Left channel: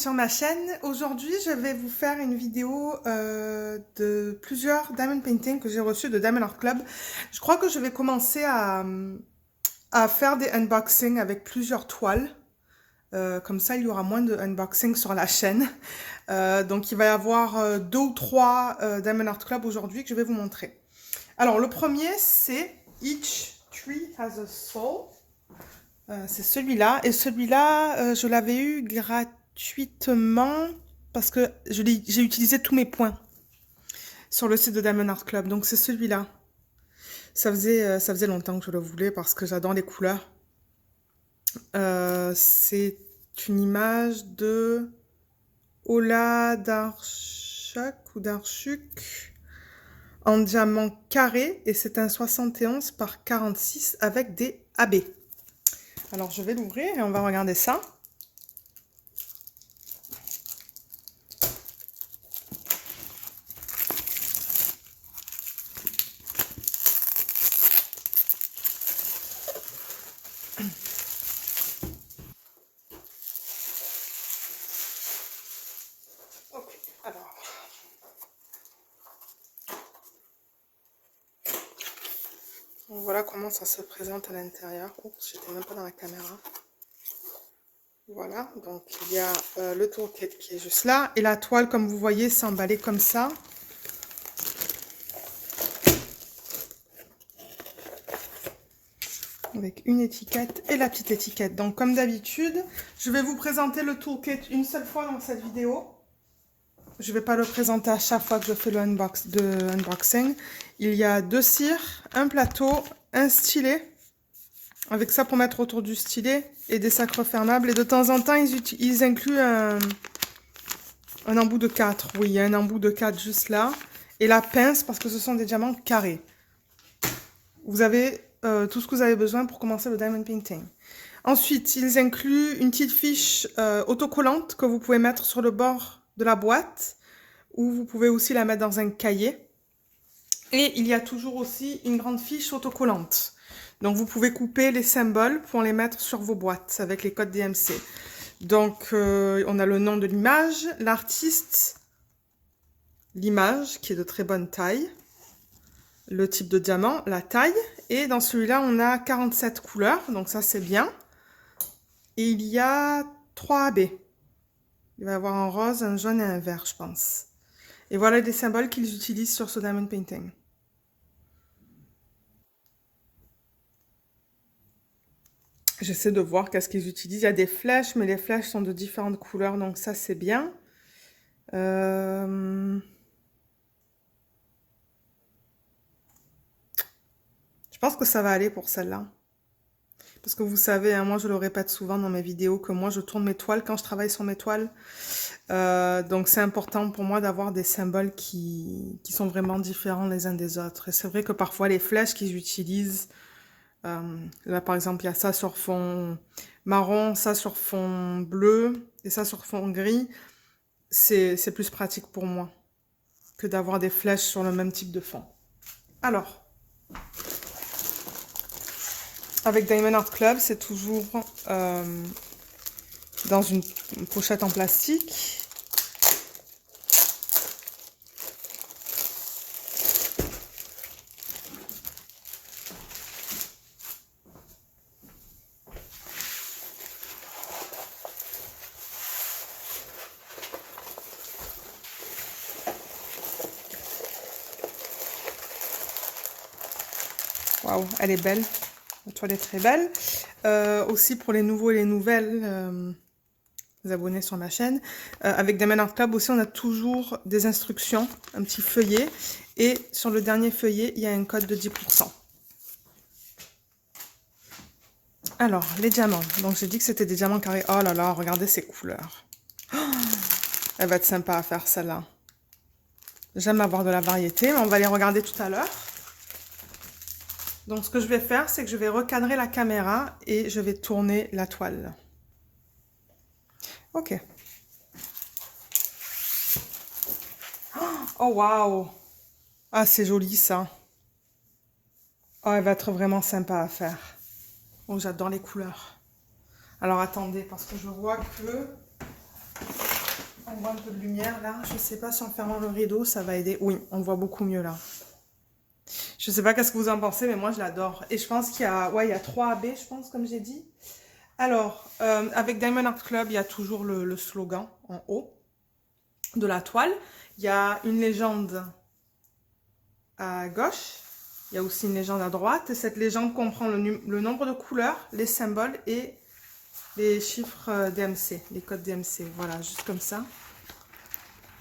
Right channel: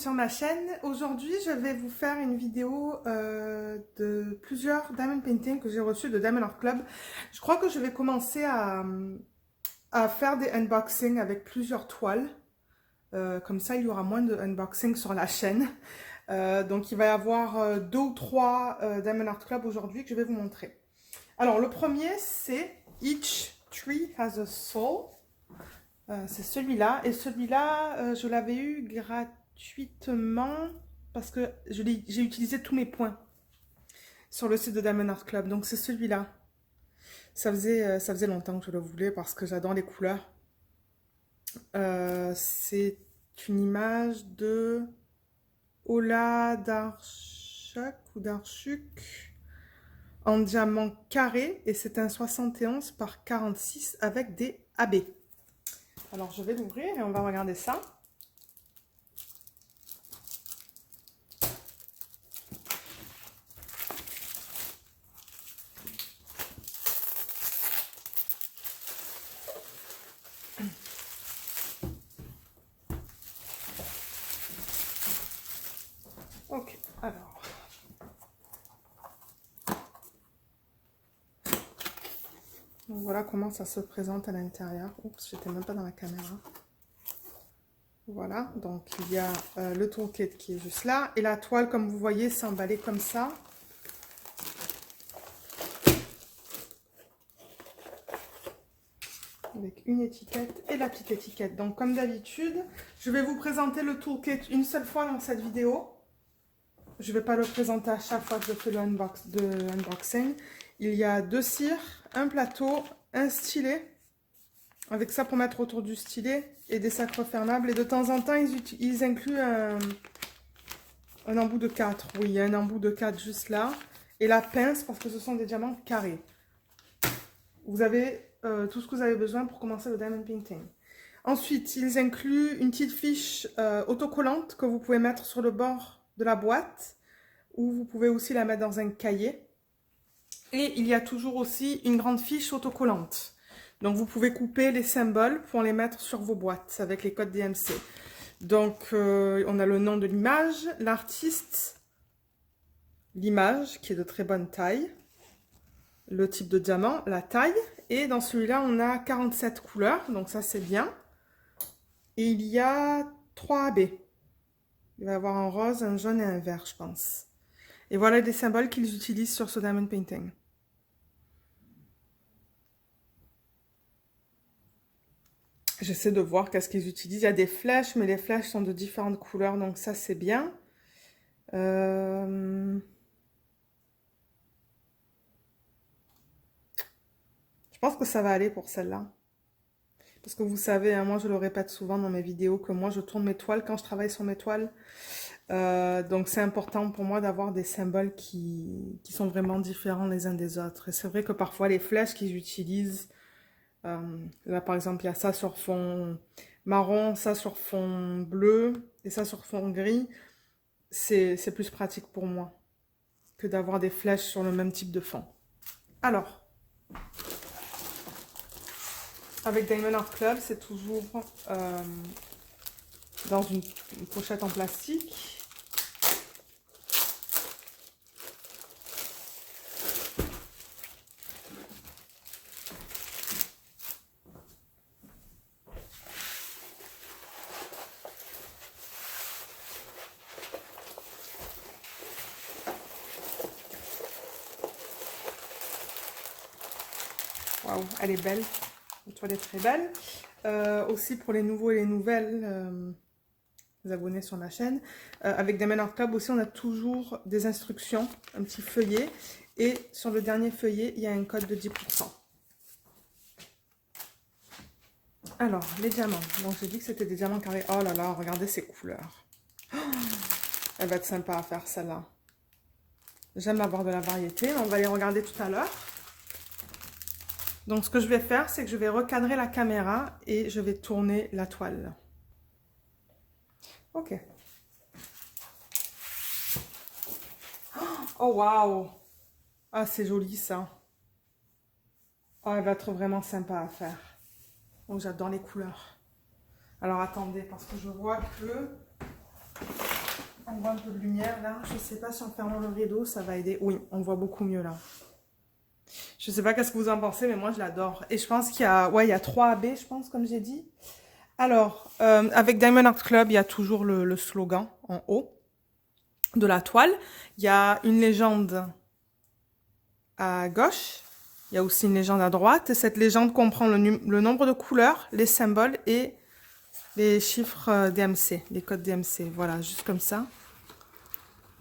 sur ma chaîne. Aujourd'hui, je vais vous faire une vidéo de plusieurs diamond paintings que j'ai reçus de Diamond Art Club. Je crois que je vais commencer à faire des unboxings avec plusieurs toiles. Comme ça, il y aura moins de unboxing sur la chaîne. Donc, il va y avoir 2 ou 3 Diamond Art Club aujourd'hui que je vais vous montrer. Alors, le premier, c'est Each Tree Has a Soul. C'est celui-là. Et celui-là, je l'avais eu gratuitement parce que j'ai utilisé tous mes points sur le site de Diamond Art Club. Donc, c'est celui-là. Ça faisait longtemps que je le voulais parce que j'adore les couleurs. C'est une image de Ola Darchuk ou Darchuk en diamant carré. Et c'est un 71 par 46 avec des AB. Alors, je vais l'ouvrir et on va regarder ça. Ok, alors. Donc voilà comment ça se présente à l'intérieur. Oups, j'étais même pas dans la caméra. Voilà, donc il y a le toolkit qui est juste là. Et la toile, comme vous voyez, c'est emballé comme ça. Avec une étiquette et la petite étiquette. Donc comme d'habitude, je vais vous présenter le toolkit une seule fois dans cette vidéo. Je ne vais pas le présenter à chaque fois que je fais le unboxing. Il y a 2 cires, un plateau, un stylet. Avec ça pour mettre autour du stylet et des sacs refermables. Et de temps en temps, ils incluent un embout de 4. Oui, il y a un embout de 4 juste là. Et la pince parce que ce sont des diamants carrés. Vous avez tout ce que vous avez besoin pour commencer le diamond painting. Ensuite, ils incluent une petite fiche autocollante que vous pouvez mettre sur le bord de la boîte. Ou vous pouvez aussi la mettre dans un cahier. Et il y a toujours aussi une grande fiche autocollante. Donc, vous pouvez couper les symboles pour les mettre sur vos boîtes avec les codes DMC. Donc, on a le nom de l'image, l'artiste, l'image qui est de très bonne taille, le type de diamant, la taille. Et dans celui-là, on a 47 couleurs, donc ça, c'est bien. Et il y a 3 AB. Il va y avoir un rose, un jaune et un vert, je pense. Et voilà les symboles qu'ils utilisent sur ce diamond painting. J'essaie de voir qu'est-ce qu'ils utilisent. Il y a des flèches, mais les flèches sont de différentes couleurs, donc ça, c'est bien. Je pense que ça va aller pour celle-là. Parce que vous savez, hein, moi, je le répète souvent dans mes vidéos, que moi, je tourne mes toiles quand je travaille sur mes toiles. Donc, c'est important pour moi d'avoir des symboles qui sont vraiment différents les uns des autres. Et c'est vrai que parfois, les flèches qu'ils utilisent... là, par exemple, il y a ça sur fond marron, ça sur fond bleu et ça sur fond gris. C'est plus pratique pour moi que d'avoir des flèches sur le même type de fond. Alors, avec Diamond Art Club, c'est toujours dans une pochette en plastique. Waouh, elle est belle. La toile est très belle. Aussi pour les nouveaux et les nouvelles abonnés sur ma chaîne. Avec Diamond Art Club aussi, on a toujours des instructions, un petit feuillet. Et sur le dernier feuillet, il y a un code de 10%. Alors, les diamants. Donc, j'ai dit que c'était des diamants carrés. Oh là là, regardez ces couleurs. Oh, elle va être sympa à faire, celle-là. J'aime avoir de la variété, mais on va les regarder tout à l'heure. Donc, ce que je vais faire, c'est que je vais recadrer la caméra et je vais tourner la toile. Ok. Oh, waouh! Ah, c'est joli, ça. Oh, elle va être vraiment sympa à faire. Oh, j'adore les couleurs. Alors, attendez, parce que je vois que... On voit un peu de lumière là. Je ne sais pas si en fermant le rideau, ça va aider. Oui, on voit beaucoup mieux là. Je ne sais pas qu'est-ce que vous en pensez, mais moi je l'adore. Et je pense qu'il y a, ouais, il y a 3 AB, je pense, comme j'ai dit. Alors, avec Diamond Art Club, il y a toujours le slogan en haut de la toile. Il y a une légende à gauche. Il y a aussi une légende à droite. Et cette légende comprend le nombre de couleurs, les symboles et les chiffres DMC, les codes DMC. Voilà, juste comme ça.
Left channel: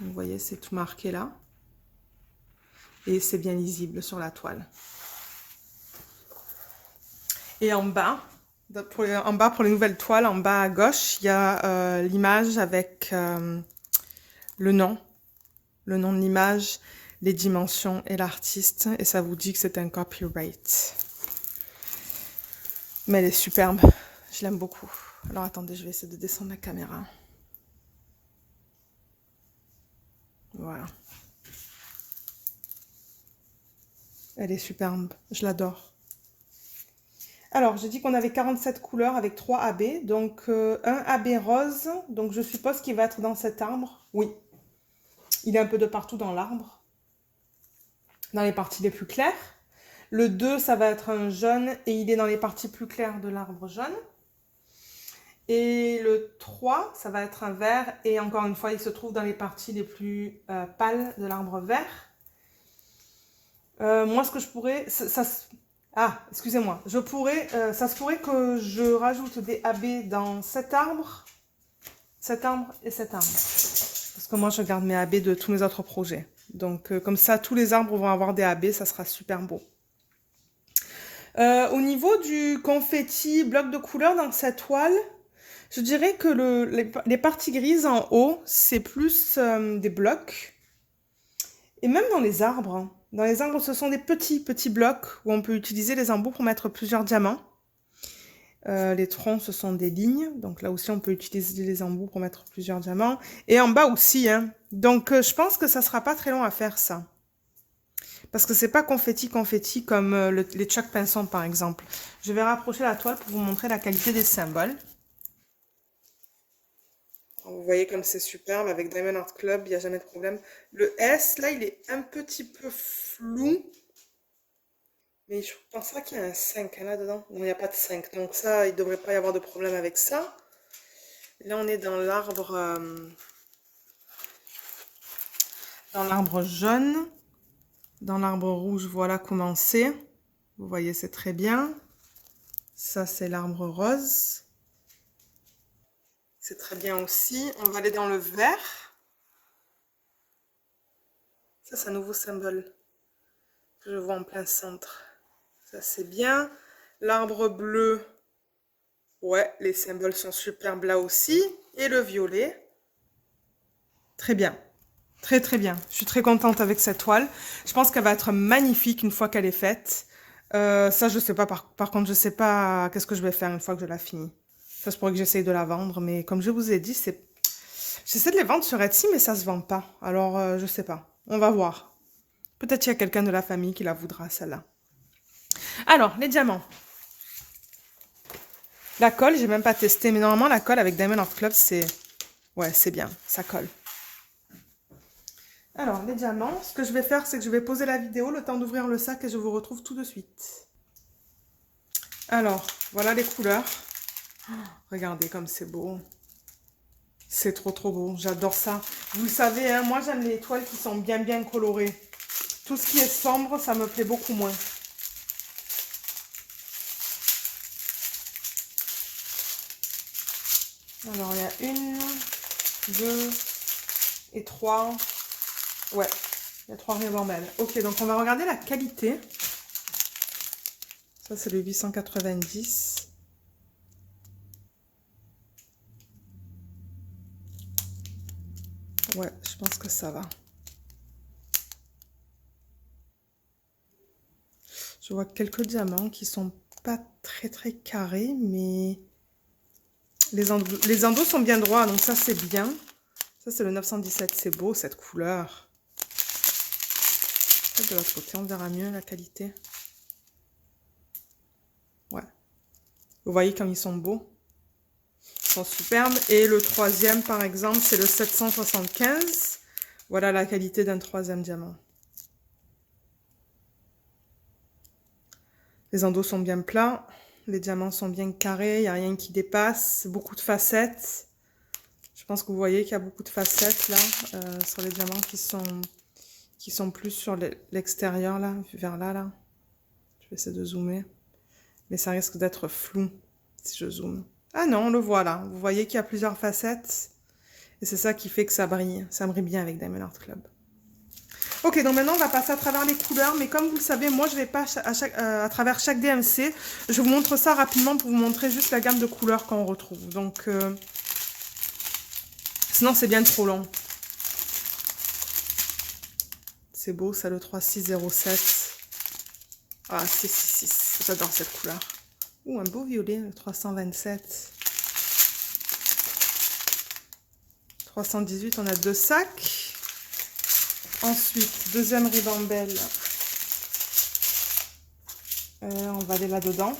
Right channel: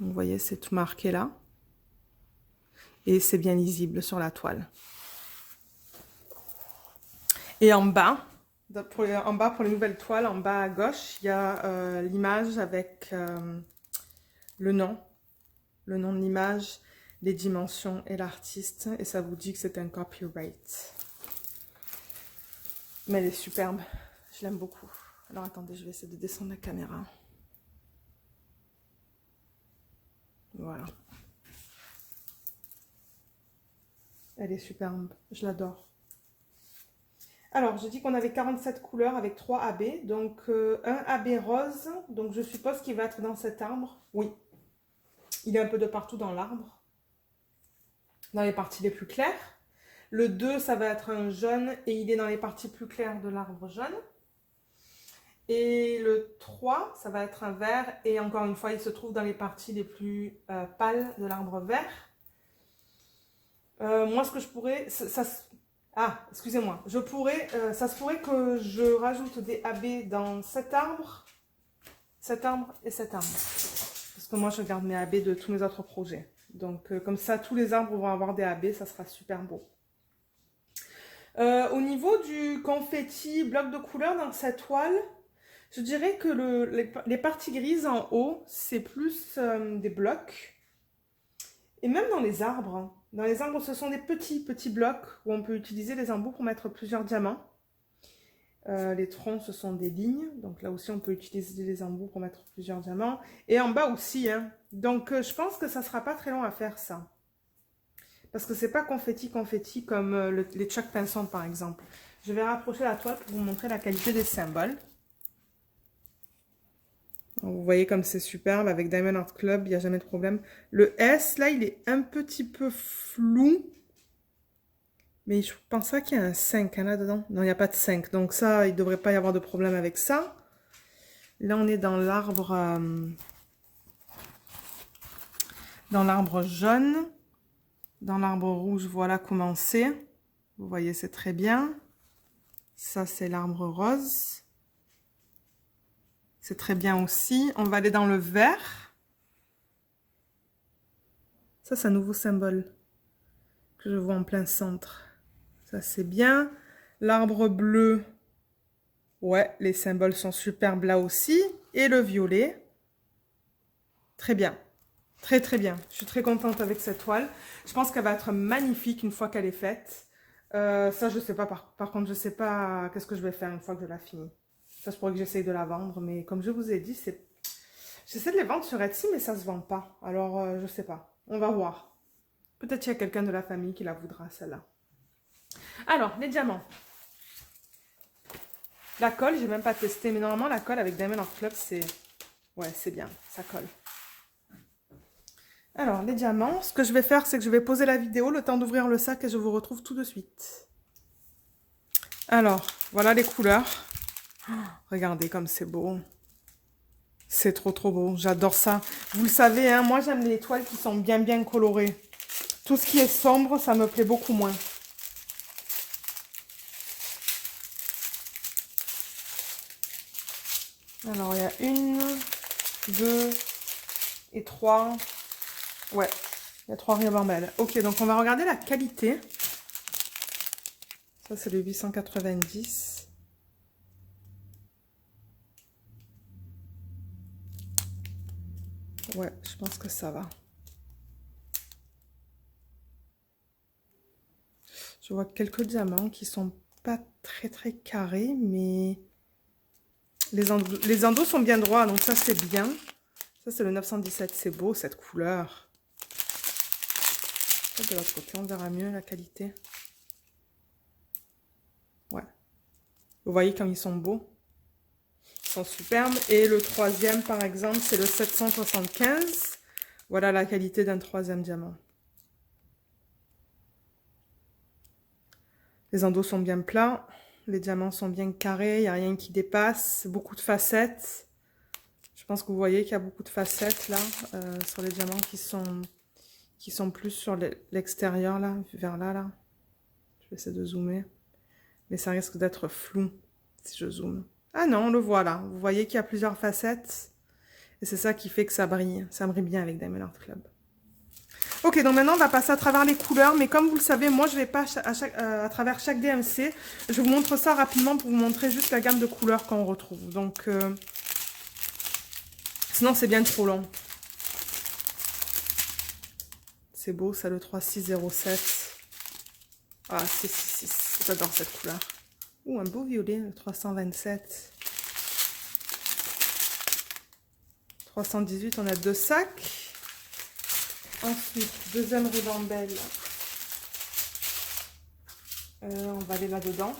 Vous voyez, c'est tout marqué là. Et c'est bien lisible sur la toile. Et en bas, pour les nouvelles toiles, en bas à gauche, il y a l'image avec le nom de l'image, les dimensions et l'artiste. Et ça vous dit que c'est un copyright. Mais elle est superbe. Je l'aime beaucoup. Alors attendez, je vais essayer de descendre la caméra. Voilà. Elle est superbe. Je l'adore. Alors, j'ai dit qu'on avait 47 couleurs avec 3 AB. Donc, un AB rose. Donc, je suppose qu'il va être dans cet arbre. Oui. Il est un peu de partout dans l'arbre. Dans les parties les plus claires. Le 2, ça va être un jaune. Et il est dans les parties plus claires de l'arbre jaune. Et le 3, ça va être un vert. Et encore une fois, il se trouve dans les parties les plus pâles de l'arbre vert. Moi, ce que je pourrais... Ah, excusez-moi. Ça se pourrait que je rajoute des AB dans cet arbre et cet arbre. Parce que moi, je garde mes AB de tous mes autres projets. Donc, comme ça, tous les arbres vont avoir des AB, ça sera super beau. Au niveau du confetti bloc de couleur dans cette toile, je dirais que les parties grises en haut, c'est plus des blocs. Et même dans les arbres. Dans les arbres, ce sont des petits blocs où on peut utiliser les embouts pour mettre plusieurs diamants. Les troncs, ce sont des lignes. Donc là aussi, on peut utiliser les embouts pour mettre plusieurs diamants. Et en bas aussi. Hein. Donc, je pense que ça ne sera pas très long à faire ça. Parce que c'est pas confetti comme les Chuck Pinson, par exemple. Je vais rapprocher la toile pour vous montrer la qualité des symboles. Vous voyez comme c'est superbe. Avec Diamond Art Club, il n'y a jamais de problème. Le S, là, il est un petit peu flou. Mais je pense pas qu'il y a un 5 hein, là-dedans. Non, il n'y a pas de 5. Donc ça, il ne devrait pas y avoir de problème avec ça. Là, on est dans l'arbre jaune. Dans l'arbre rouge, voilà comment c'est. Vous voyez, c'est très bien. Ça, c'est l'arbre rose. C'est très bien aussi. On va aller dans le vert. Ça, c'est un nouveau symbole que je vois en plein centre. Ça, c'est bien. L'arbre bleu. Ouais, les symboles sont superbes là aussi. Et le violet. Très bien. Très, très bien. Je suis très contente avec cette toile. Je pense qu'elle va être magnifique une fois qu'elle est faite. Ça, je sais pas. Par contre, je sais pas qu'est-ce que je vais faire une fois que je la finis. Ça, je pourrais que j'essaye de la vendre. Mais comme je vous ai dit, j'essaie de les vendre sur Etsy, mais ça se vend pas. Alors, je sais pas. On va voir. Peut-être qu'il y a quelqu'un de la famille qui la voudra, celle-là. Alors, les diamants. La colle, j'ai même pas testé. Mais normalement, la colle avec Diamond Art Club, c'est... Ouais, c'est bien. Ça colle. Alors, les diamants, ce que je vais faire, c'est que je vais poser la vidéo, le temps d'ouvrir le sac et je vous retrouve tout de suite. Alors, voilà les couleurs. Oh, regardez comme c'est beau. C'est trop, trop beau. J'adore ça. Vous le savez, hein, moi, j'aime les toiles qui sont bien, bien colorées. Tout ce qui est sombre, ça me plaît beaucoup moins. Alors, il y a 1, 2 et 3. Ouais, il y a 3 ribambelles. Ok, donc on va regarder la qualité. Ça, c'est le 890. Ouais, je pense que ça va. Je vois quelques diamants qui sont pas très, très carrés, mais les endos sont bien droits, donc ça, c'est bien. Ça, c'est le 917. C'est beau, cette couleur. De l'autre côté, on verra mieux la qualité. Ouais. Vous voyez comme ils sont beaux. sont superbes. Et le troisième, par exemple, c'est le 775. Voilà la qualité d'un troisième diamant. Les endos sont bien plats. Les diamants sont bien carrés. Il n'y a rien qui dépasse. Beaucoup de facettes. Je pense que vous voyez qu'il y a beaucoup de facettes là, sur les diamants qui sont plus sur l'extérieur là, vers là, là. Je vais essayer de zoomer. Mais ça risque d'être flou si je zoome. Ah non, on le voit là. Vous voyez qu'il y a plusieurs facettes. Et c'est ça qui fait que ça brille. Ça brille bien avec Diamond Art Club. Ok, donc maintenant on va passer à travers les couleurs. Mais comme vous le savez, moi je ne vais pas à travers chaque DMC. Je vous montre ça rapidement pour vous montrer juste la gamme de couleurs qu'on retrouve. Donc, sinon c'est bien trop long. C'est beau ça, le 3607. Ah, 666. J'adore cette couleur. Ouh, un beau violet, le 327. 318, on a 2 sacs. Ensuite, deuxième ribambelle. On va aller là-dedans.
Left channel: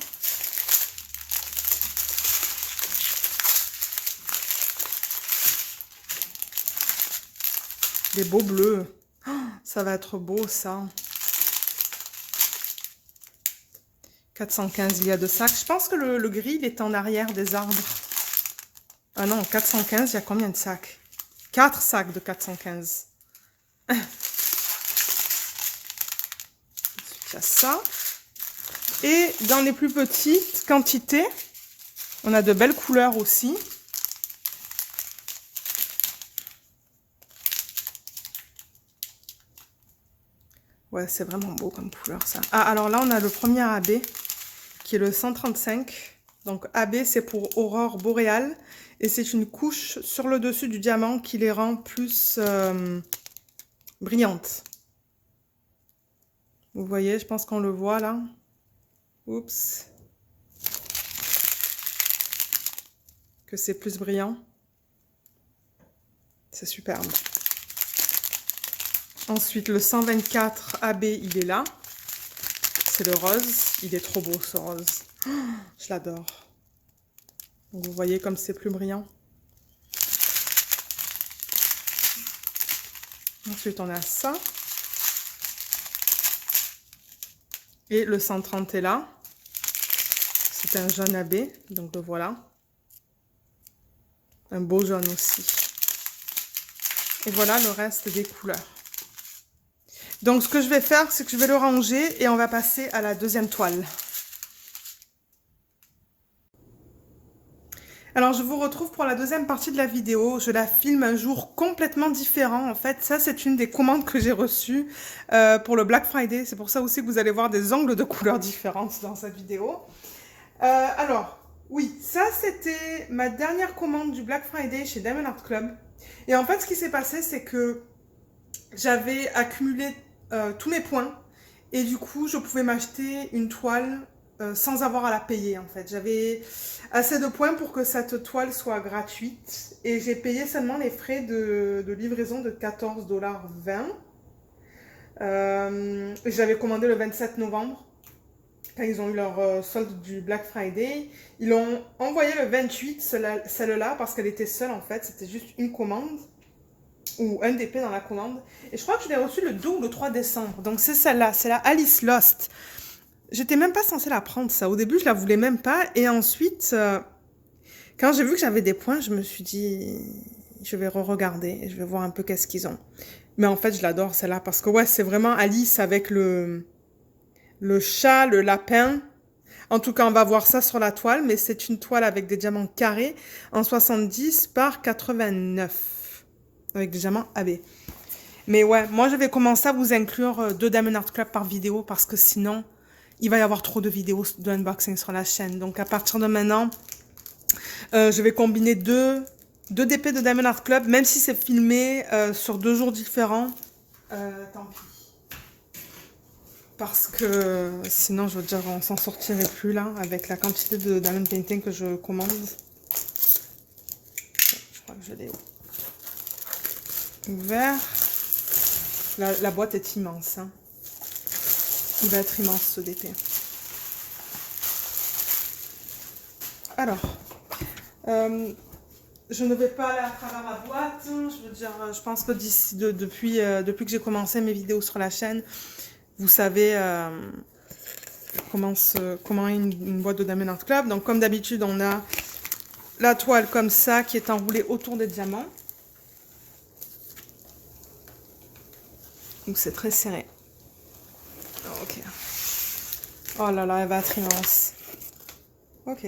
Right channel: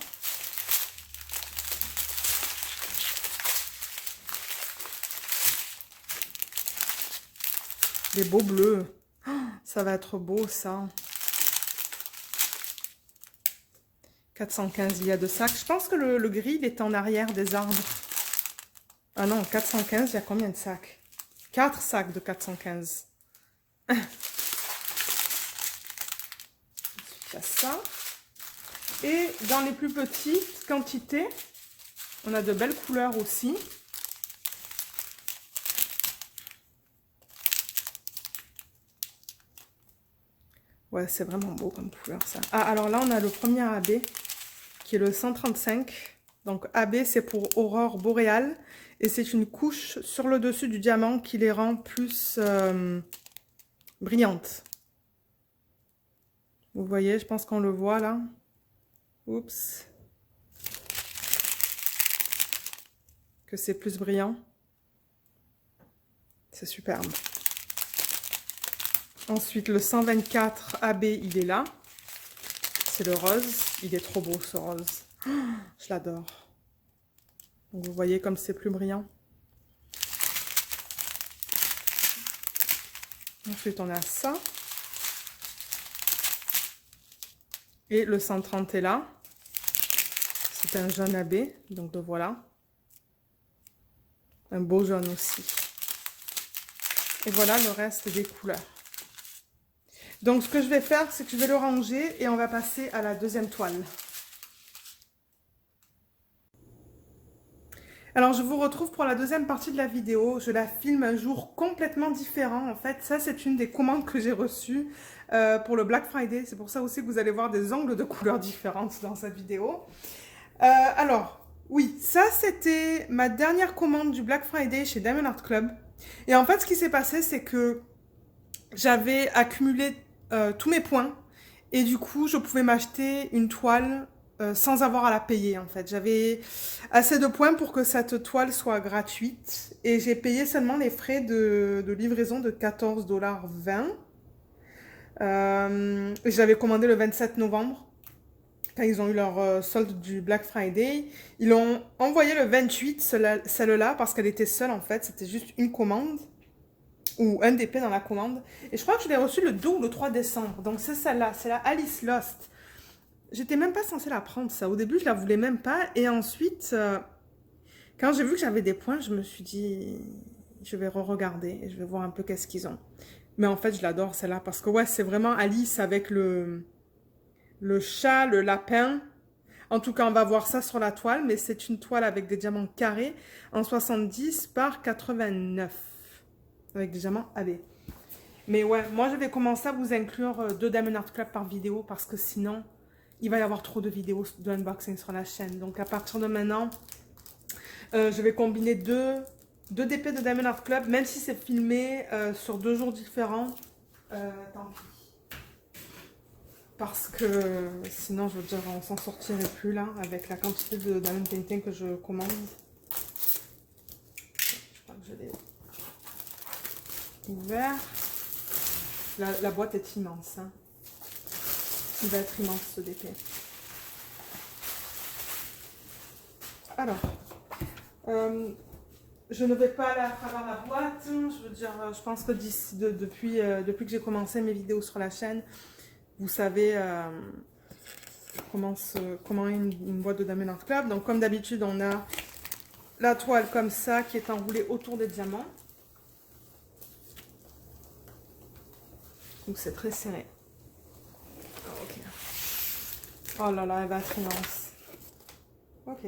Des beaux bleus. Oh, ça va être beau, ça. 415, il y a 2 sacs. Je pense que le gris, il est en arrière des arbres. Ah non, 415, il y a combien de sacs? 4 sacs de 415. Il y a ça. Et dans les plus petites quantités, on a de belles couleurs aussi. Ouais, c'est vraiment beau comme couleur, ça. Ah, alors là, on a le premier AB, qui est le 135. Donc, AB, c'est pour aurore boréale. Et c'est une couche sur le dessus du diamant qui les rend plus brillantes. Vous voyez, je pense qu'on le voit là. Oups. Que c'est plus brillant. C'est superbe. Ensuite, le 124 AB, il est là. C'est le rose. Il est trop beau, ce rose. Oh, je l'adore. Donc, vous voyez comme c'est plus brillant. Ensuite, on a ça. Et le 130 est là. C'est un jaune AB, donc le voilà. Un beau jaune aussi. Et voilà le reste des couleurs. Donc, ce que je vais faire, c'est que je vais le ranger et on va passer à la deuxième toile. Alors, je vous retrouve pour la deuxième partie de la vidéo. Je la filme un jour complètement différent. En fait, ça, c'est une des commandes que j'ai reçues pour le Black Friday. C'est pour ça aussi que vous allez voir des angles de couleurs différentes dans cette vidéo. Alors, oui, ça, c'était ma dernière commande du Black Friday chez Diamond Art Club. Et en fait, ce qui s'est passé, c'est que j'avais accumulé tous mes points. Et du coup, je pouvais m'acheter une toile sans avoir à la payer, en fait. J'avais assez de points pour que cette toile soit gratuite. Et j'ai payé seulement les frais de livraison de 14,20 $. Je l'avais commandé le 27 novembre, quand ils ont eu leur solde du Black Friday. Ils l'ont envoyé le 28, celle-là, parce qu'elle était seule, en fait. C'était juste une commande, ou un DP dans la commande. Et je crois que je l'ai reçue le 2 ou le 3 décembre. Donc, c'est celle-là, c'est la Alice Lost. J'étais même pas censée la prendre, ça. Au début, je la voulais même pas. Et ensuite, quand j'ai vu que j'avais des points, je me suis dit, je vais re-regarder et je vais voir un peu qu'est-ce qu'ils ont. Mais en fait, je l'adore, celle-là, parce que ouais, c'est vraiment Alice avec le chat, le lapin. En tout cas, on va voir ça sur la toile, mais c'est une toile avec des diamants carrés en 70 par 89. Avec des diamants AB. Mais ouais, moi, je vais commencer à vous inclure 2 Diamond Art Club par vidéo, parce que sinon, il va y avoir trop de vidéos de unboxing sur la chaîne. Donc, à partir de maintenant, je vais combiner deux DP de Diamond Art Club, même si c'est filmé sur 2 jours différents. Tant pis. Parce que sinon, je veux dire, on s'en sortirait plus là, avec la quantité de Diamond Painting que je commande. Je crois que je l'ai ouvert. La boîte est immense. Hein. Il va être immense ce DP. Alors, Je ne vais pas aller à travers la boîte. Je veux dire, je pense que depuis que j'ai commencé mes vidéos sur la chaîne, vous savez comment est une boîte de Diamond Art Club. Donc, comme d'habitude, on a la toile comme ça qui est enroulée autour des diamants. Donc, c'est très serré. Ok. Oh là là, elle va être immense. Ok.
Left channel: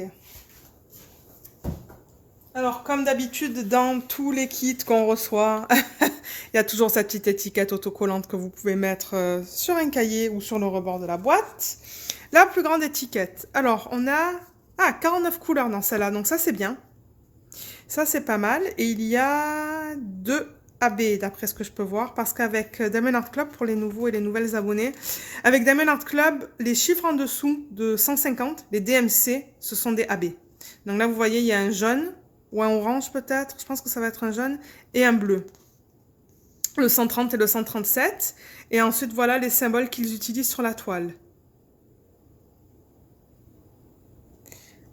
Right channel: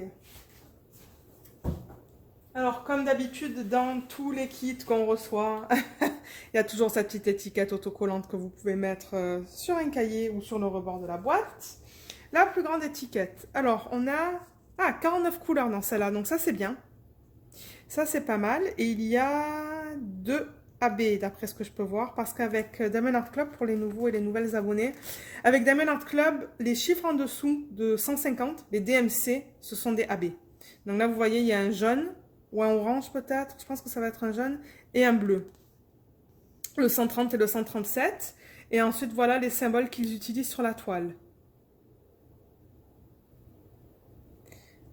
Alors, comme d'habitude, dans tous les kits qu'on reçoit, il y a toujours cette petite étiquette autocollante que vous pouvez mettre sur un cahier ou sur le rebord de la boîte. La plus grande étiquette. Alors, on a 49 couleurs dans celle-là, donc ça, c'est bien. Ça, c'est pas mal. Et il y a 2 AB, d'après ce que je peux voir, parce qu'avec Diamond Art Club, pour les nouveaux et les nouvelles abonnés, avec Diamond Art Club, les chiffres en dessous de 150, les DMC, ce sont des AB. Donc là, vous voyez, il y a un jaune, ou un orange peut-être, je pense que ça va être un jaune, et un bleu. Le 130 et le 137. Et ensuite, voilà les symboles qu'ils utilisent sur la toile.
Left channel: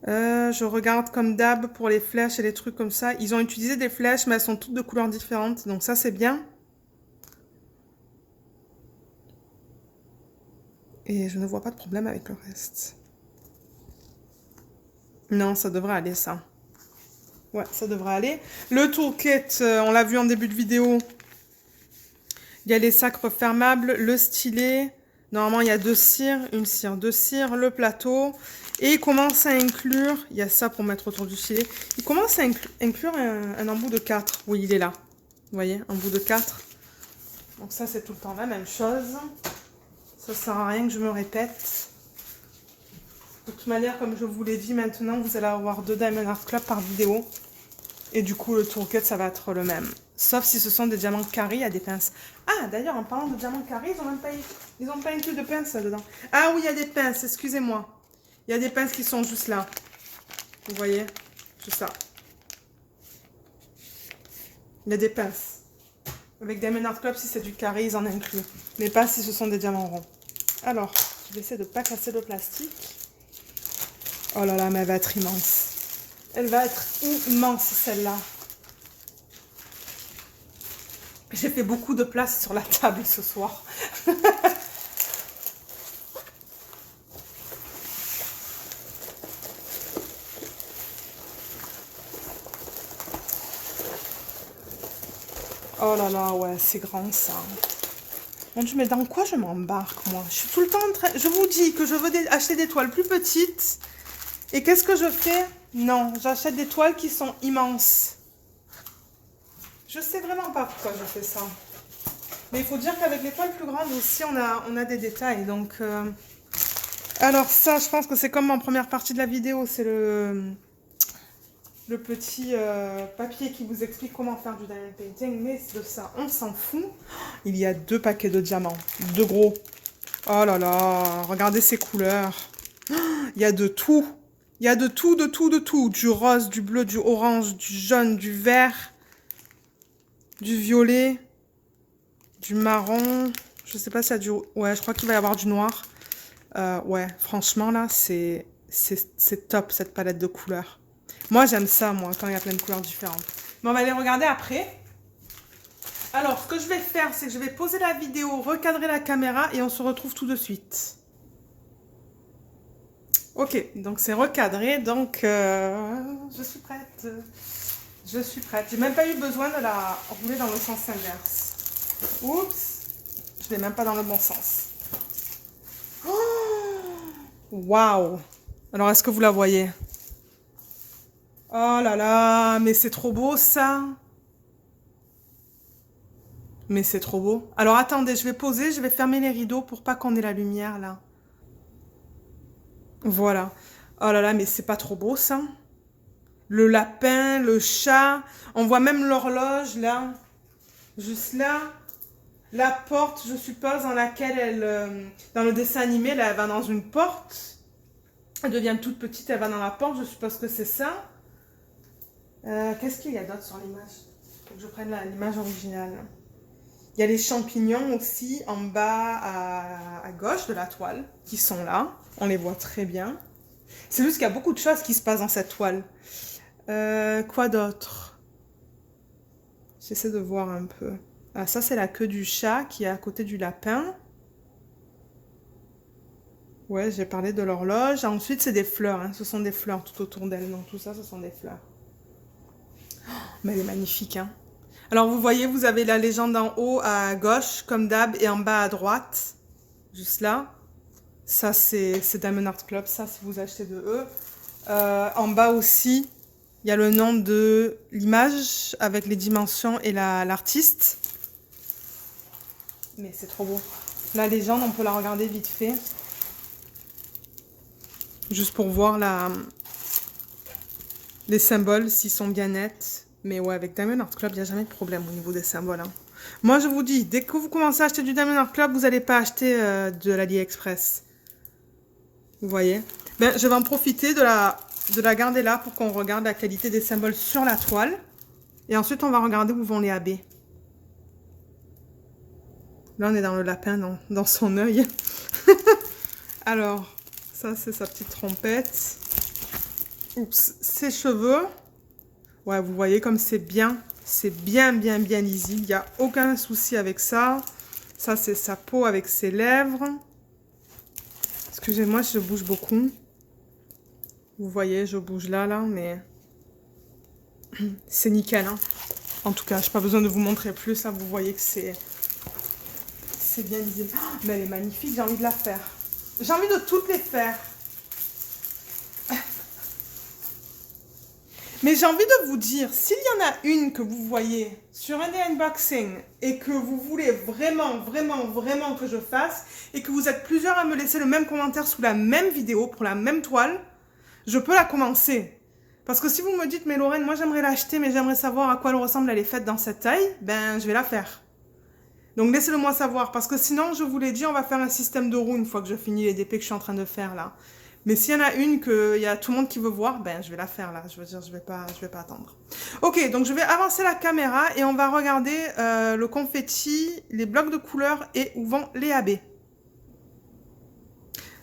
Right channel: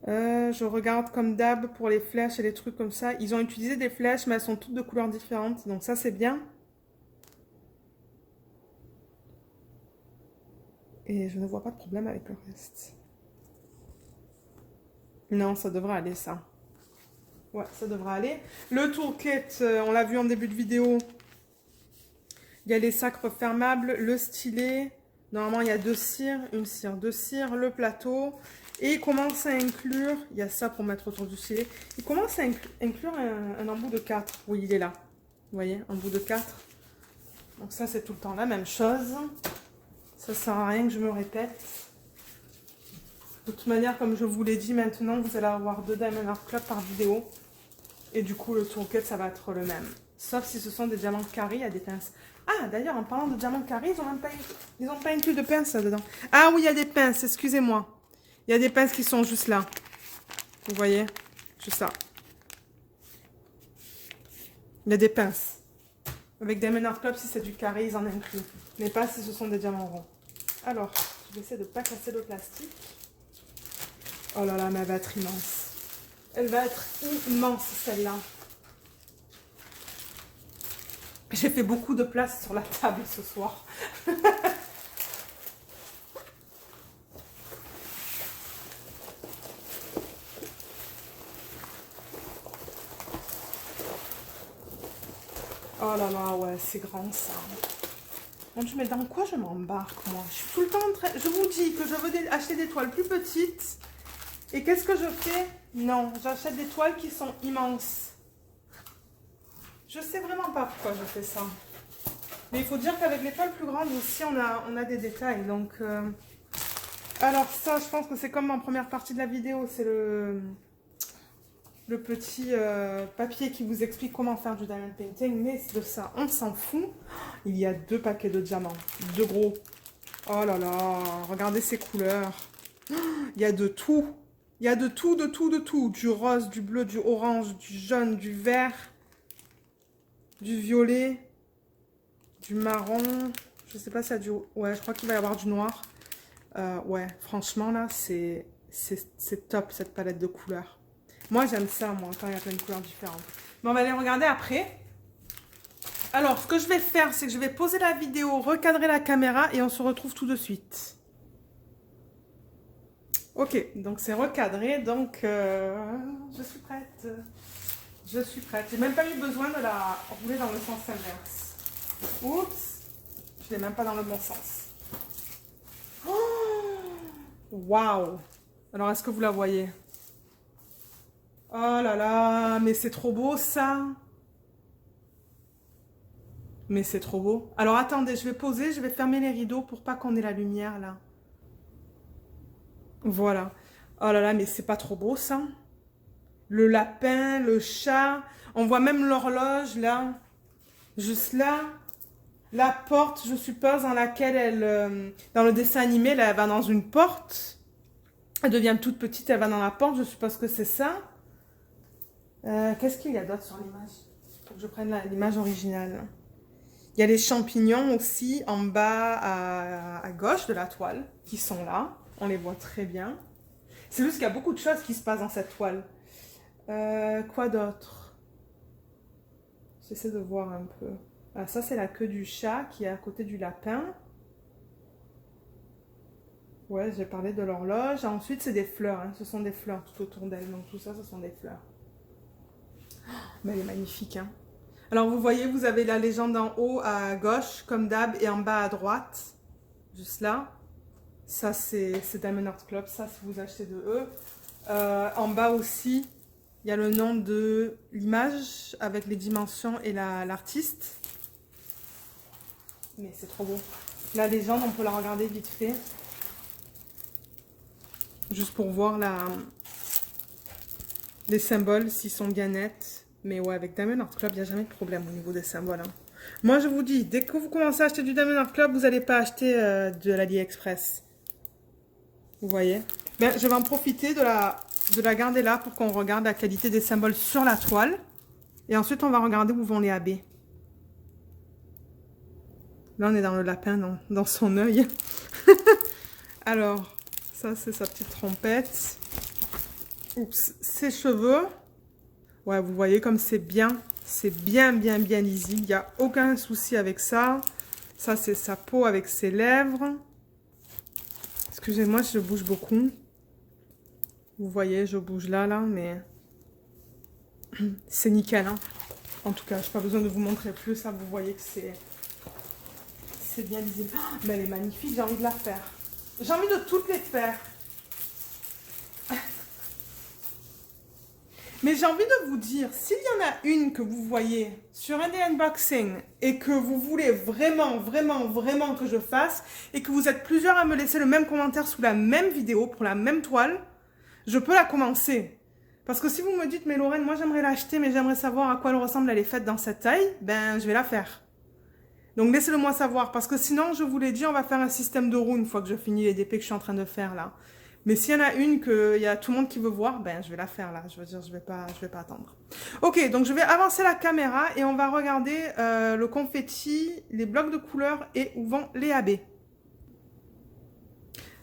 Je regarde comme d'hab pour les flèches et les trucs comme ça. Ils ont utilisé des flèches, mais elles sont toutes de couleurs différentes. Donc ça, c'est bien. Et je ne vois pas de problème avec le reste. Non, ça devrait aller, ça. Ouais, ça devrait aller. Le toolkit, on l'a vu en début de vidéo. Il y a les sacs refermables, le stylet. Normalement, il y a 2 cires, une cire, 2 cires, le plateau. Et il commence à inclure, il y a ça pour mettre autour du stylet. Il commence à inclure un embout de 4. Oui, il est là. Vous voyez, un bout de 4. Donc ça, c'est tout le temps la même chose. Ça sert à rien que je me répète. De toute manière, comme je vous l'ai dit, maintenant, vous allez avoir 2 Diamond Art Club par vidéo. Et du coup, le toolkit, ça va être le même. Sauf si ce sont des diamants carrés à des pinces. Ah, d'ailleurs, en parlant de diamants carrés, ils n'ont pas inclus de pinces là-dedans. Ah oui, il y a des pinces, excusez-moi. Il y a des pinces qui sont juste là. Vous voyez? Juste là. Il y a des pinces. Avec Diamond Art Club, si c'est du carré, ils en incluent. Mais pas si ce sont des diamants ronds. Alors, je vais essayer de ne pas casser le plastique. Oh là là, mais elle va être immense. Elle va être immense, celle-là. J'ai fait beaucoup de place sur la table ce soir. Oh là là, ouais, c'est grand ça. Mon Dieu, mais dans quoi je m'embarque, moi? Je suis tout le temps en train... Je vous dis que je veux acheter des toiles plus petites. Et qu'est-ce que je fais? Non, j'achète des toiles qui sont immenses. Je sais vraiment pas pourquoi je fais ça. Mais il faut dire qu'avec les toiles plus grandes aussi, on a des détails. Donc, alors ça, je pense que c'est comme en première partie de la vidéo. C'est le petit papier qui vous explique comment faire du diamond painting. Mais de ça, on s'en fout. Il y a 2 paquets de diamants. 2 gros. Oh là là, regardez ces couleurs. Il y a de tout. Il y a de tout, de tout, de tout. Du rose, du bleu, du orange, du jaune, du vert, du violet, du marron. Je sais pas s'il y a du... Ouais, je crois qu'il va y avoir du noir. Ouais, franchement, là, c'est top, cette palette de couleurs. Moi, j'aime ça, moi, quand il y a plein de couleurs différentes. Bon, on va les regarder après. Alors, ce que je vais faire, c'est que je vais poser la vidéo, recadrer la caméra et on se retrouve tout de suite. Ok, donc c'est recadré, donc je suis prête. Je suis prête. J'ai même pas eu besoin de la rouler dans le sens inverse. Oups, je l'ai même pas dans le bon sens. Waouh! Alors, est-ce que vous la voyez? Oh là là, mais c'est trop beau ça! Mais c'est trop beau. Alors, attendez, je vais poser, je vais fermer les rideaux pour pas qu'on ait la lumière là. Voilà. Oh là là, mais c'est pas trop beau ça? Le lapin, le chat, on voit même l'horloge là. Juste là. La porte, je suppose, dans laquelle elle... dans le dessin animé, là, elle va dans une porte. Elle devient toute petite, elle va dans la porte, je suppose que c'est ça. Qu'est-ce qu'il y a d'autre sur l'image? Faut que je prenne l'image originale. Il y a les champignons aussi en bas à gauche de la toile, qui sont là. On les voit très bien. C'est juste qu'il y a beaucoup de choses qui se passent dans cette toile. Quoi d'autre? J'essaie de voir un peu. Ah, ça, c'est la queue du chat qui est à côté du lapin. Ouais, j'ai parlé de l'horloge. Ensuite, c'est des fleurs, hein. Ce sont des fleurs tout autour d'elle. Donc, tout ça, ce sont des fleurs. Mais elle est magnifique, hein. Alors, vous voyez, vous avez la légende en haut à gauche, comme d'hab, et en bas à droite. Juste là. Ça, c'est Diamond Art Club, ça, si vous achetez de eux. En bas aussi, il y a le nom de l'image avec les dimensions et l'artiste. Mais c'est trop beau. La légende, on peut la regarder vite fait. Juste pour voir les symboles, s'ils sont bien nets. Mais ouais, avec Diamond Art Club, il n'y a jamais de problème au niveau des symboles, hein. Moi, je vous dis, dès que vous commencez à acheter du Diamond Art Club, vous n'allez pas acheter de l'AliExpress. Vous voyez? Ben, je vais en profiter de la garder là pour qu'on regarde la qualité des symboles sur la toile. Et ensuite, on va regarder où vont les AB. Là, on est dans le lapin, dans son œil. Alors, ça, c'est sa petite trompette. Oups, ses cheveux. Ouais, vous voyez comme c'est bien bien lisible. Il n'y a aucun souci avec ça. Ça, c'est sa peau avec ses lèvres. Excusez-moi, je bouge beaucoup. Vous voyez, je bouge là, mais c'est nickel, hein. En tout cas, je n'ai pas besoin de vous montrer plus. Là, vous voyez que c'est bien lisible. Oh, mais elle est magnifique, j'ai envie de la faire. J'ai envie de toutes les faire. Mais j'ai envie de vous dire, s'il y en a une que vous voyez sur un des unboxings et que vous voulez vraiment que je fasse et que vous êtes plusieurs à me laisser le même commentaire sous la même vidéo pour la même toile, je peux la commencer. Parce que si vous me dites, mais Lorraine, moi j'aimerais l'acheter, mais j'aimerais savoir à quoi elle ressemble, elle est faite dans cette taille, ben je vais la faire. Donc laissez-le moi savoir, parce que sinon, je vous l'ai dit, on va faire un système de roue une fois que je finis les DP que je suis en train de faire là. Mais s'il y en a une qu'il y a tout le monde qui veut voir, ben je vais la faire là. Je veux dire, je vais pas attendre. Ok, donc je vais avancer la caméra et on va regarder le confetti, les blocs de couleurs et où vont les AB.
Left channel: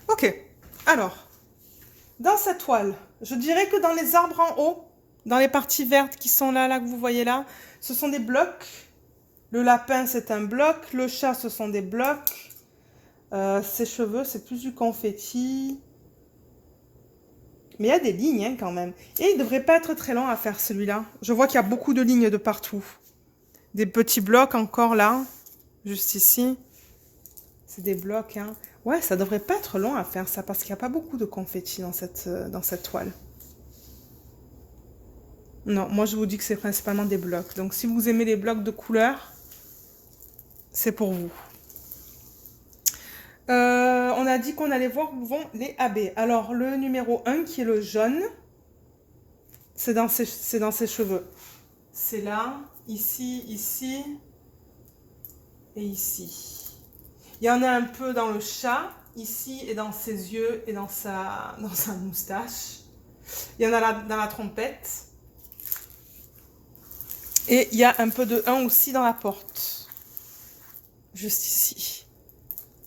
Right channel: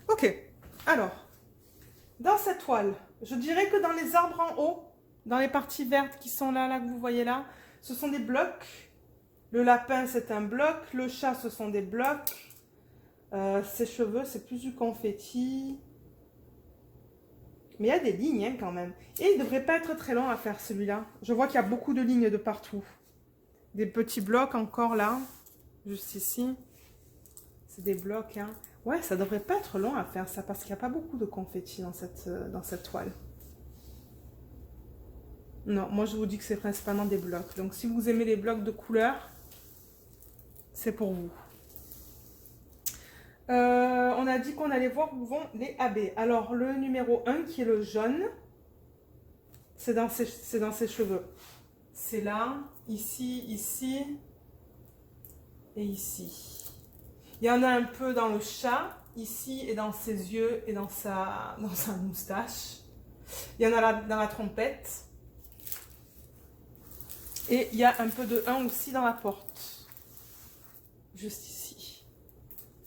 Ok, alors, dans cette toile, je dirais que dans les arbres en haut, dans les parties vertes qui sont là, que vous voyez là, ce sont des blocs. Le lapin, c'est un bloc. Le chat, ce sont des blocs. Ses cheveux, c'est plus du confetti. Mais il y a des lignes, hein, quand même. Et il ne devrait pas être très long à faire, celui-là. Je vois qu'il y a beaucoup de lignes de partout. Des petits blocs encore là. Juste ici. C'est des blocs, hein. Ouais, ça devrait pas être long à faire, ça, parce qu'il n'y a pas beaucoup de confetti dans cette toile. Non, moi, je vous dis que c'est principalement des blocs. Donc, si vous aimez les blocs de couleurs, c'est pour vous. On a dit qu'on allait voir où vont les AB. Alors, le numéro 1, qui est le jaune, c'est dans ses cheveux. C'est là, ici, ici et ici. Il y en a un peu dans le chat, ici, et dans ses yeux et dans sa moustache. Il y en a là dans la trompette. Et il y a un peu de 1 aussi dans la porte. Juste ici.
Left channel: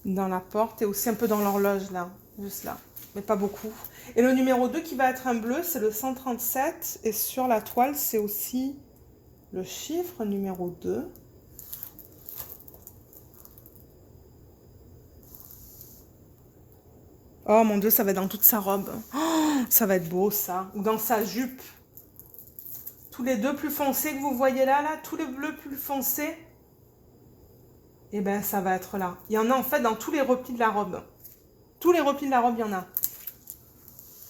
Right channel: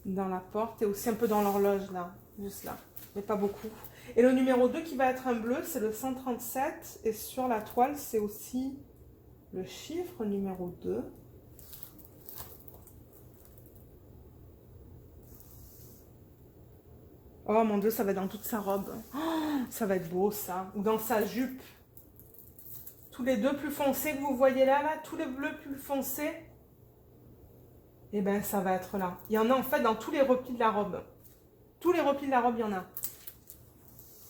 Dans la porte et aussi un peu dans l'horloge là, juste là, mais pas beaucoup. Et le numéro 2 qui va être un bleu, c'est le 137 et sur la toile, c'est aussi le chiffre numéro 2. Oh mon Dieu, ça va être dans toute sa robe. Oh, ça va être beau ça. Ou dans sa jupe. Tous les deux plus foncés que vous voyez là, tous les bleus plus foncés. Et ben ça va être là. Il y en a en fait dans tous les replis de la robe. Tous les replis de la robe, il y en a.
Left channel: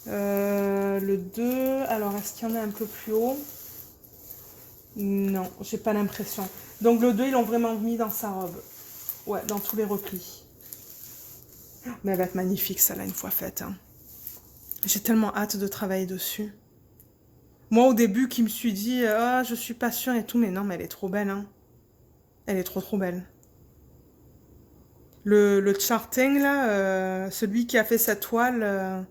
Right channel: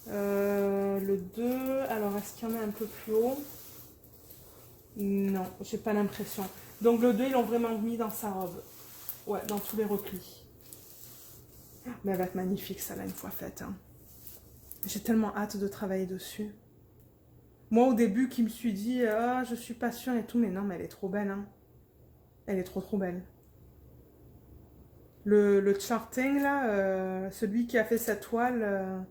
Le 2, alors est-ce qu'il y en a un peu plus haut? Non, j'ai pas l'impression. Donc le 2, ils l'ont vraiment mis dans sa robe. Ouais, dans tous les replis. Mais elle va être magnifique, ça, là, une fois faite, hein. J'ai tellement hâte de travailler dessus. Moi, au début, qui me suis dit, ah, je suis pas sûre et tout, mais non, mais elle est trop belle, hein. Elle est trop belle. Le charting, là, celui qui a fait cette toile...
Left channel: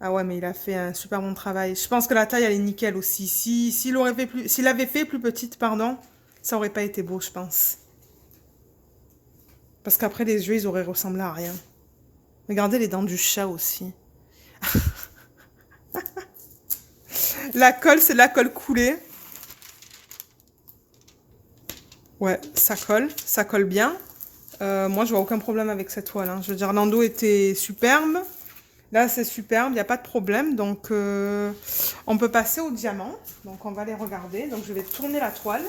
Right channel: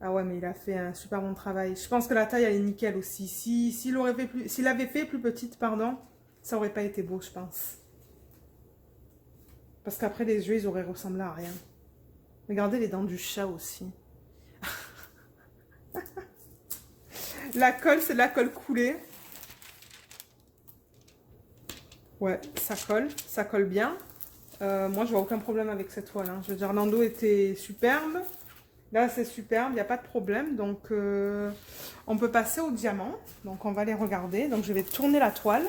Ah ouais, mais il a fait un super bon travail. Je pense que la taille, elle est nickel aussi. S'il avait fait plus petite, pardon, ça aurait pas été beau, je pense. Parce qu'après, les yeux, ils auraient ressemblé à rien. Regardez les dents du chat aussi. La colle, c'est de la colle coulée. Ouais, ça colle bien. Moi, je vois aucun problème avec cette toile, hein. Je veux dire, l'endos était superbe. Là, c'est superbe, il n'y a pas de problème. Donc, on peut passer au diamant. Donc, on va les regarder. Donc, je vais tourner la toile.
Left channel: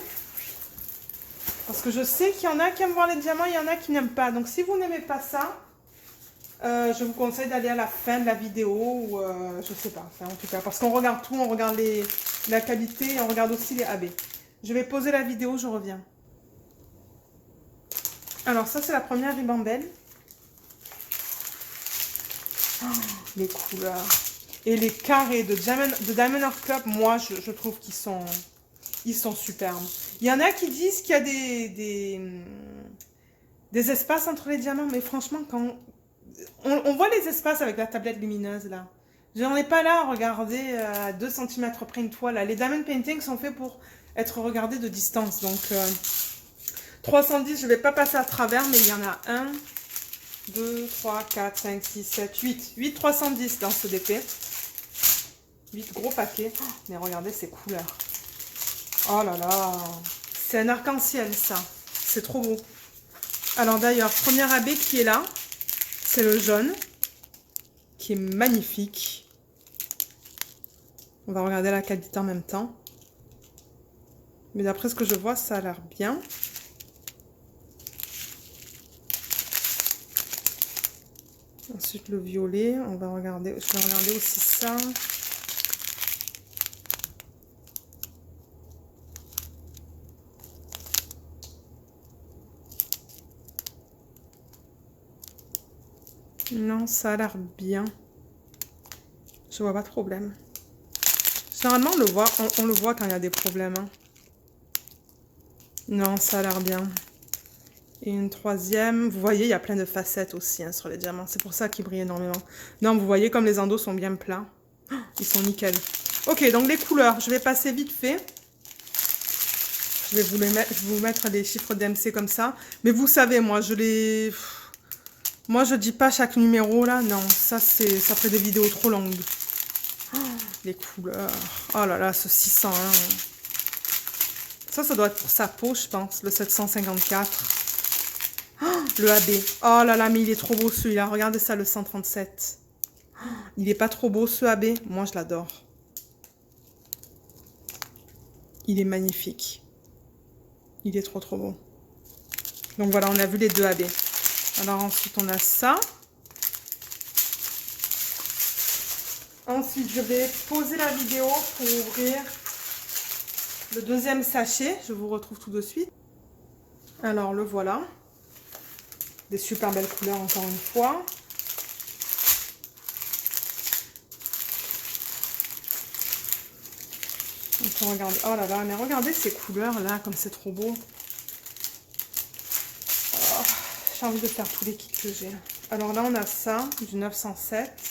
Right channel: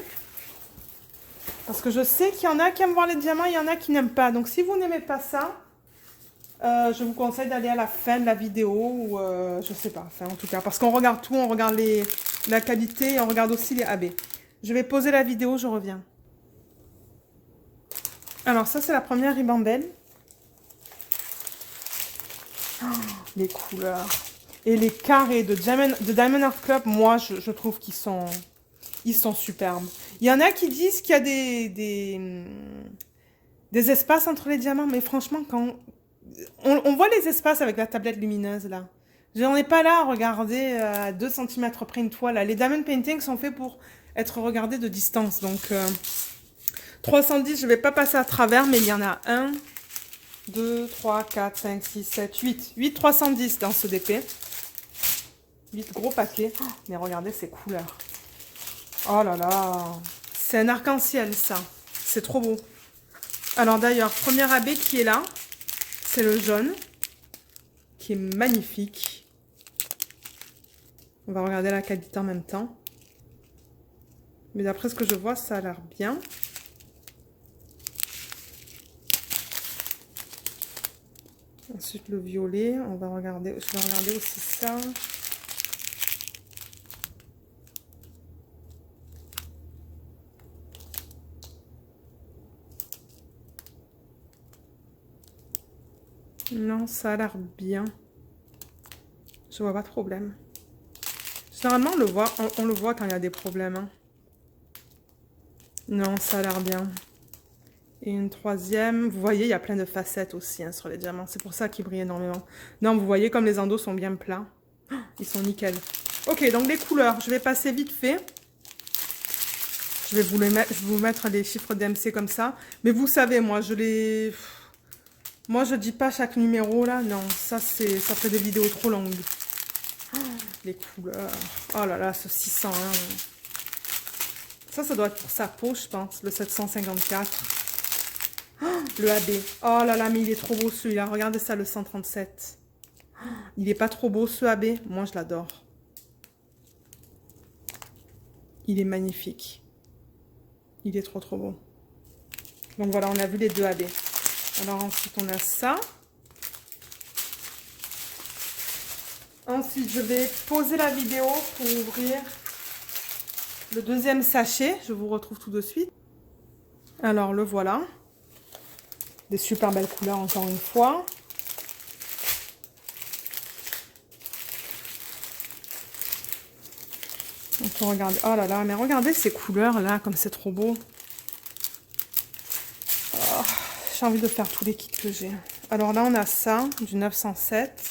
Parce que je sais qu'il y en a qui aiment voir les diamants, il y en a qui n'aiment pas. Donc, si vous n'aimez pas ça, je vous conseille d'aller à la fin de la vidéo. Ou, je sais pas, enfin, en tout cas. Parce qu'on regarde tout, on regarde la qualité et on regarde aussi les AB. Je vais poser la vidéo, je reviens. Alors, ça, c'est la première ribambelle. Oh, les couleurs. Et les carrés de Diamond Art Club, moi, je trouve qu'ils sont superbes. Il y en a qui disent qu'il y a des espaces entre les diamants, mais franchement, quand on voit les espaces avec la tablette lumineuse, là. On n'est pas là à regarder à 2 cm près une toile. Là. Les diamond paintings sont faits pour être regardés de distance. Donc, 310, je ne vais pas passer à travers, mais il y en a 1, 2, 3, 4, 5, 6, 7, 8. 8 310 dans ce DP. 8 gros paquets. Oh, mais regardez ces couleurs. Oh là là. C'est un arc-en-ciel, ça. C'est trop beau. Alors d'ailleurs, premier AB qui est là, c'est le jaune, qui est magnifique. On va regarder la qualité en même temps. Mais d'après ce que je vois, ça a l'air bien. Ensuite, le violet, on va regarder, je vais regarder aussi ça. Non, ça a l'air bien. Je vois pas de problème. Généralement, on le voit quand il y a des problèmes. Hein. Non, ça a l'air bien. Et une troisième, vous voyez, il y a plein de facettes aussi hein, sur les diamants. C'est pour ça qu'ils brillent énormément. Non, vous voyez comme les endos sont bien plats. Oh, ils sont nickel. Ok, donc les couleurs, je vais passer vite fait. Je vais vous mettre les chiffres d'MC comme ça. Mais vous savez, moi, moi, je dis pas chaque numéro, là. Non, ça fait des vidéos trop longues. Oh, les couleurs. Oh là là, ce 601. Ça doit être pour sa peau, je pense. Le 754. Oh, le AB. Oh là là, mais il est trop beau celui-là. Regardez ça, le 137. Oh, il est pas trop beau ce AB. Moi, je l'adore. Il est magnifique. Il est trop trop beau. Donc voilà, on a vu les deux AB. Alors ensuite, on a ça. Ensuite, je vais poser la vidéo pour ouvrir le deuxième sachet. Je vous retrouve tout de suite. Alors, le voilà. Des super belles couleurs encore une fois. On peut regarder. Oh là là, mais regardez ces couleurs là, comme c'est trop beau. Oh, j'ai envie de faire tous les kits que j'ai. Alors là, on a ça, du 907.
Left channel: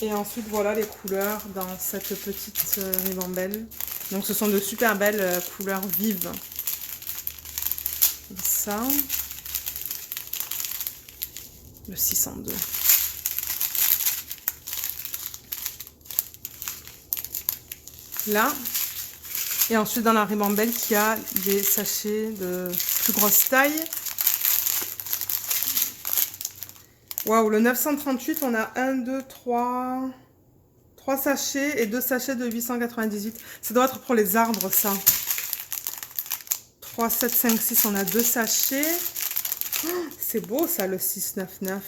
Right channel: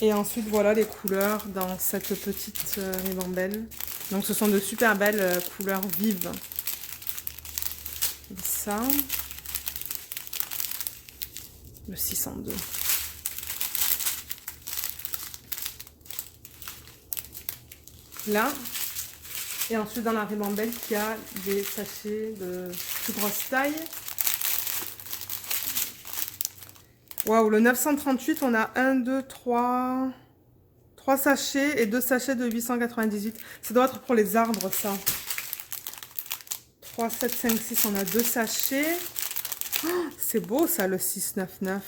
Et ensuite, voilà les couleurs dans cette petite ribambelle. Donc, ce sont de super belles couleurs vives. Et ça. Le 602. Là. Et ensuite, dans la ribambelle, qui a des sachets de plus grosse taille. Waouh, le 938, on a 1, 2, 3 sachets et 2 sachets de 898. Ça doit être pour les arbres, ça. 3, 7, 5, 6, on a 2 sachets. Oh, c'est beau, ça, le 699.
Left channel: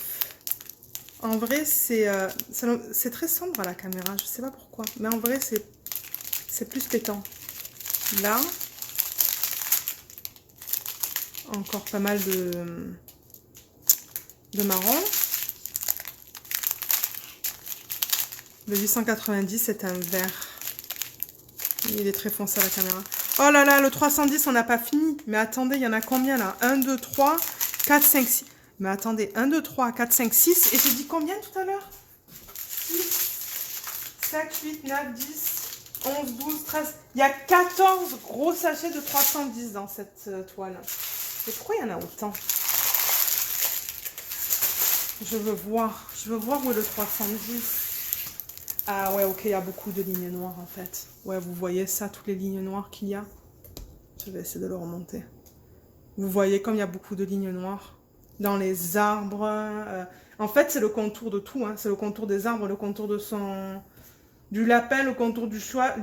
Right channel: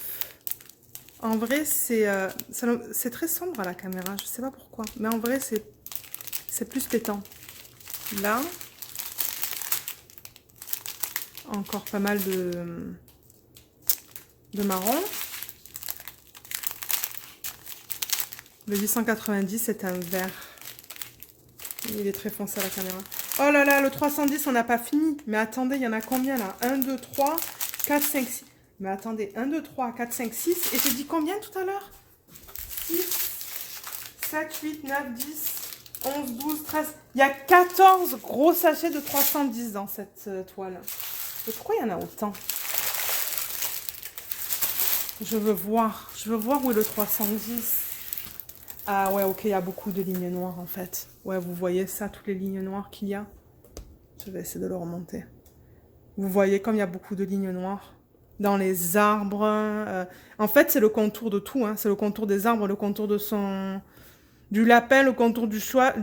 En vrai, c'est très sombre à la caméra. Je sais pas pourquoi. Mais en vrai, c'est plus pétant. Là. Encore pas mal de marron. Le 890, c'est un vert. Il est très foncé à la caméra. Oh là là, le 310, on n'a pas fini. Mais attendez, il y en a combien là? 1, 2, 3, 4, 5, 6. Mais attendez, 1, 2, 3, 4, 5, 6. Et j'ai dit combien tout à l'heure? 6, 7, 8, 9, 10, 11, 12, 13. Il y a 14 gros sachets de 310 dans cette toile. Et pourquoi il y en a autant? Je veux voir où est le 310. Ah ouais, ok, il y a beaucoup de lignes noires en fait. Ouais, vous voyez ça, toutes les lignes noires qu'il y a. Je vais essayer de le remonter. Vous voyez comme il y a beaucoup de lignes noires dans les arbres. En fait, c'est le contour de tout. Hein. C'est le contour des arbres, le contour de du lapin, le contour du chat,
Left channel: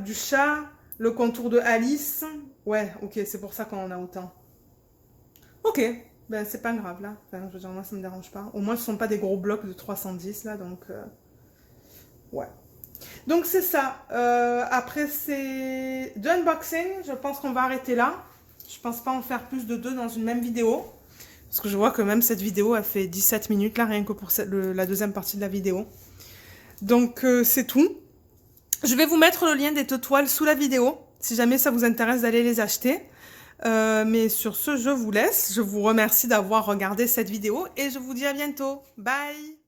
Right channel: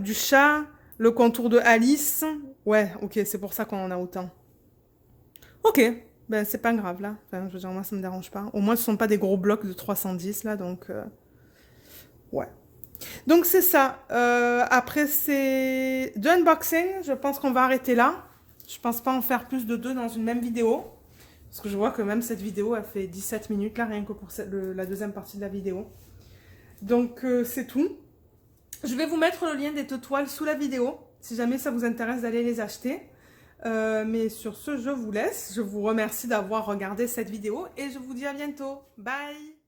le contour de Alice. Ouais, ok, c'est pour ça qu'on en a autant. Ok, ben c'est pas grave là. Enfin, je veux dire, moi ça me dérange pas. Au moins ce sont pas des gros blocs de 310 là, donc ouais. Donc c'est ça. Après ces deux unboxings, je pense qu'on va arrêter là. Je pense pas en faire plus de deux dans une même vidéo. Parce que je vois que même cette vidéo a fait 17 minutes là, rien que pour la deuxième partie de la vidéo. Donc c'est tout. Je vais vous mettre le lien des toiles sous la vidéo, si jamais ça vous intéresse d'aller les acheter. Mais sur ce, je vous laisse. Je vous remercie d'avoir regardé cette vidéo et je vous dis à bientôt. Bye!